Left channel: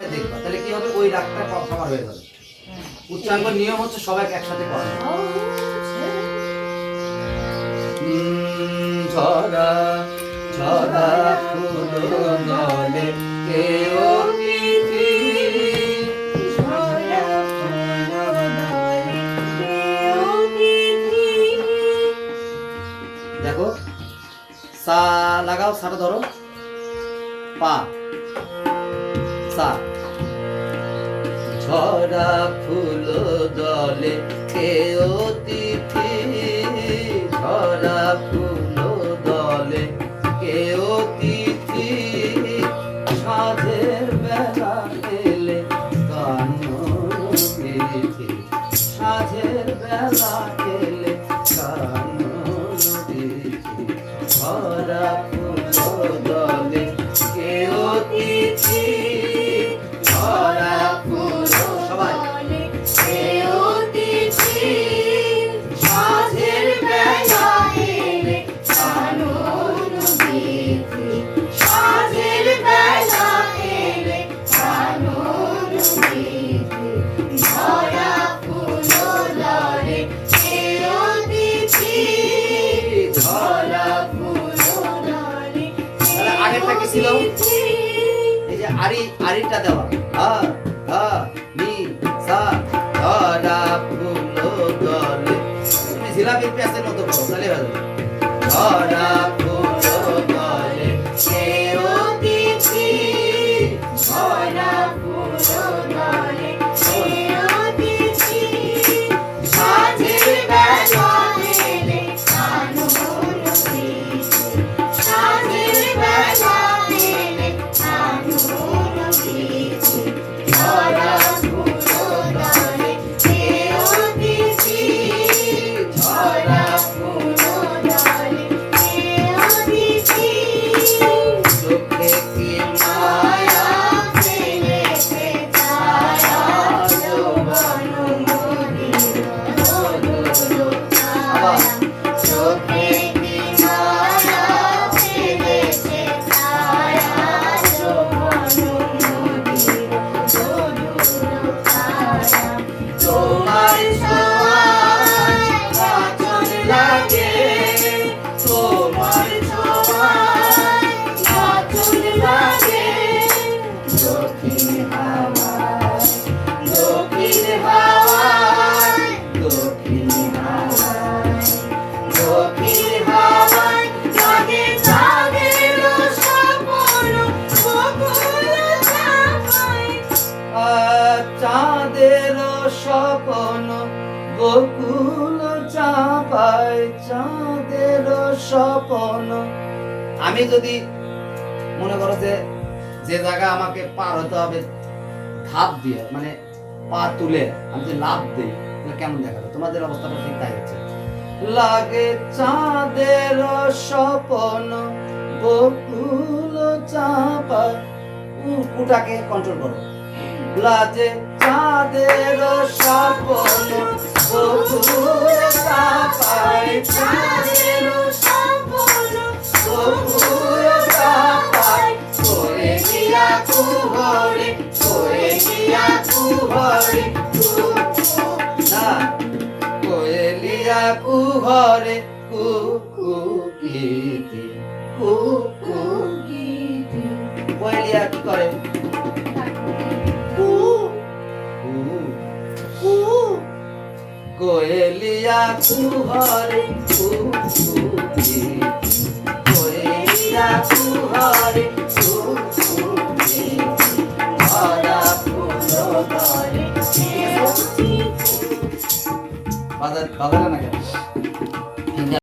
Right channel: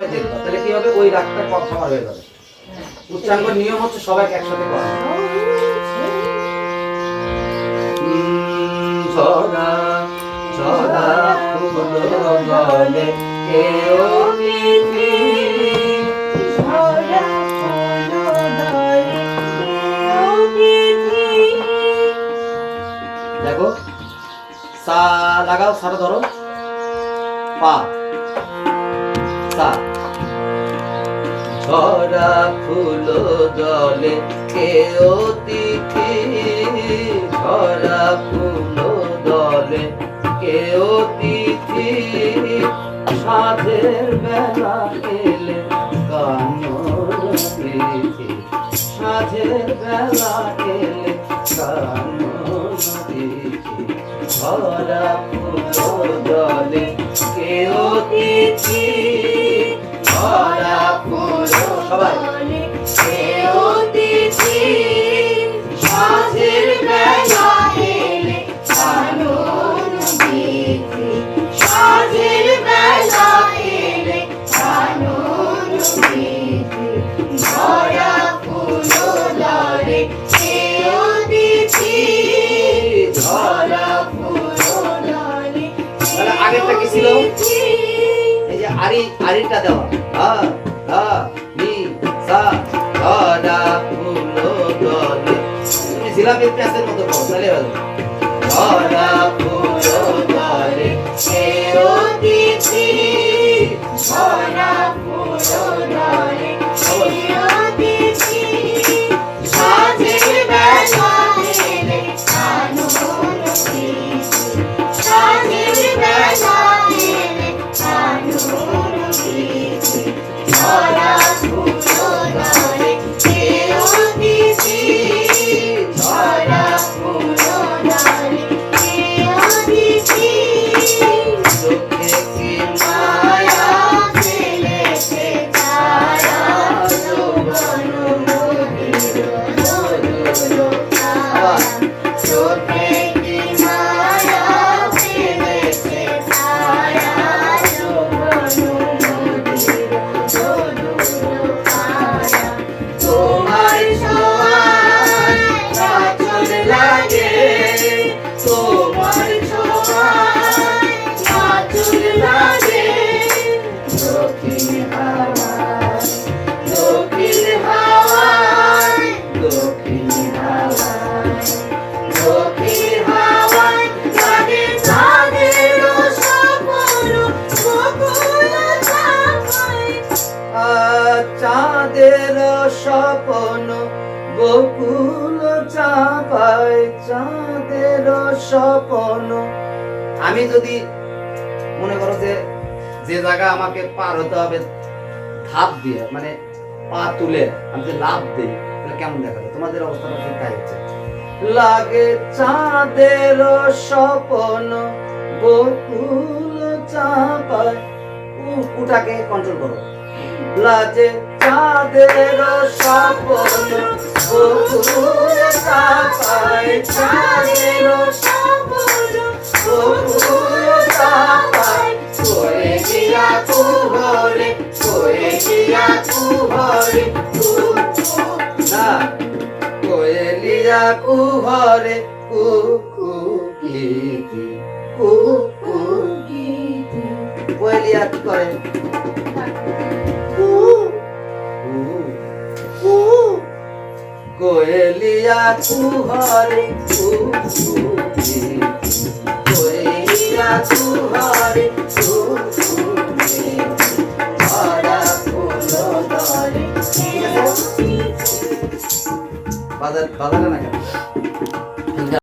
দেখবা তাহলে কি হবে, ওই রাগটা কভার হয়ে যাবে। উচ্চাঙ্গ নিয়ম হচ্ছে সবাইকে একসাথে করা। ঝরা ঝরা ফুল জলে কেউ মিঠি, ঝরা ফুল জলে কেউ মিঠি। দেখো সা লাগাও, সাটা ধরো, পা সা। ঝরা ফুল জলে কেউ তিথি, ঝরা ফুল জলে কেউ তিথি, সাঁঝের বেলা এলে কানন তিথি, সাঁঝের বেলা এলে কানন তিথি। ঝরা ফুল জলে কেউ তিথি, ঝরা ফুল সবাই কেউ তিথি, সাঁঝের বেলা এলে কানন তিথি, সাঁঝের বেলা এলে কানন তিথি। ঝরা ফুল জলে কেউ তিথি, ঝরা ফুল জলে আগেরটা কি ছিল? তিথি। এই যে আরিটা দেওয়া, ধা ধা নি সা। ঝরা ফুল জলে, তুমি জিলাপির প্যাসের মতো পড়ো তাহলে হয়ে যাবে। ঝরা ফুল জলে কেউ তিথি, ঝরা ফুল জলে কেউ তিথি, সাঁঝের বেলা এলে কানন তিথি, সাঁঝের বেলা এলে কানন তিথি। ঝরা ফুল জলে কেউ তিথি, ঝরা ফুল জলে কেউ তিথি। চোখে কি মায়া ফেলেছে ছায়া, যৌবন নদীর মধুর ছায়া। চোখে কি মায়া ফেলেছে ছায়া, যৌবন নদীর মধুর ছায়া। তোমার ছোঁয়ায় আঁচল লাগে, তোমার ছোঁয়ায় আঁচল লাগে। দক্ষিণ হাওয়ায়, দক্ষিণ হাওয়ায়, দক্ষিণ হাওয়ায়, দক্ষিণ হাওয়ায় লাগে চাঁদের স্বপ্ন, বকুল চাঁপায়। চাঁদের স্বপ্ন বকুল চাঁপায়, চাঁদের স্বপ্ন। আমি যদি মনে করো যে যে জায়গা আমাকে পার হতে হবে ধাপ দিয়ে, মানে পা তুলে আমি যে লাভ দিই, তাহলে কেমন দেখাবে? তোমাদের অবস্থাটা ঠিক তাই হচ্ছে। লাগে চাঁদের স্বপ্ন বকুল চাঁপায়, কুটাকে কন্ট্রোল করো। লাজে চাঁদের স্বপ্ন বকুল চাঁপায়, চাঁদের স্বপ্ন বকুল চাঁপায়। করে গিয়া কুহরে, করে গিয়া কুহরে, না কোয়েলিয়া কুহরে, কুকু গীতি, কুকু গীতি। কোয়েলিয়া কি করে? কোয়েলিয়া কুহরে, কুকু গীতি, কোয়েলিয়া কুহরে, কুকু গীতি। ঝরা ফুল জলে কেউ তিথি। বাজারে না কেন?